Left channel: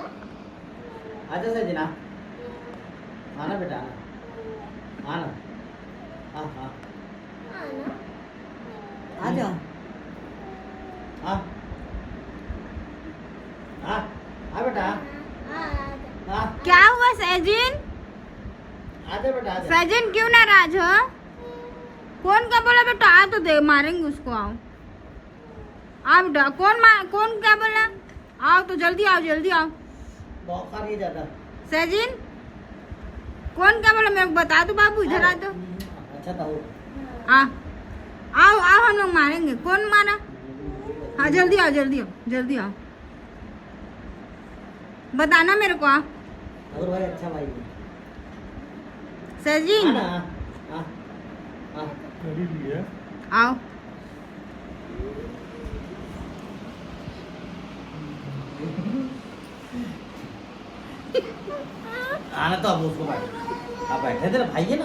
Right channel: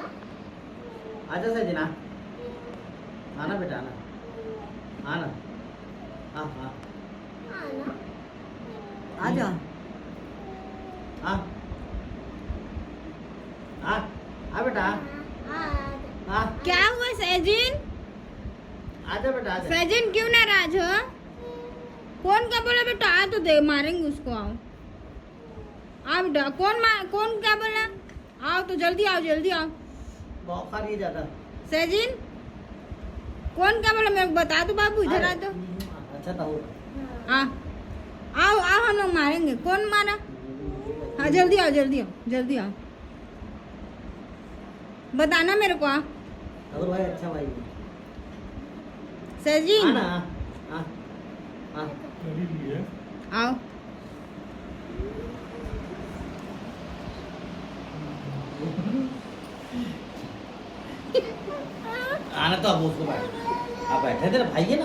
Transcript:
आजा सही ना आना बेटा आना आना हाँ हाँ आजा हाँ हाँ आ बेटा हाँ क्या हुआ सैजिन? आजा बेटा आजा सैजिन क्यों नाराज हो? कौन क्या बोला बेटा? आ तो दे, मारेंगे उसको। आओ आओ बेटा। कौन क्या बोला? आओ तो जल्दी आओ, जल्दी आओ। बहुत खा नहीं जाता सैजिन कौन क्या बोला? मेरे को बता दो बाबू, इधर आ दो। अच्छा तो आ आओ आओ, हम लोग मारेंगे। कौन मारा? हाँ जल्दी आओ, जल्दी आओ, जल्दी आओ। बताना मेरे को। अगर भाई अच्छा भाई सैजिन आना हाँ हाँ आओ। आना तो अब उसको बैठ आप बैठे थे ना भाई है ना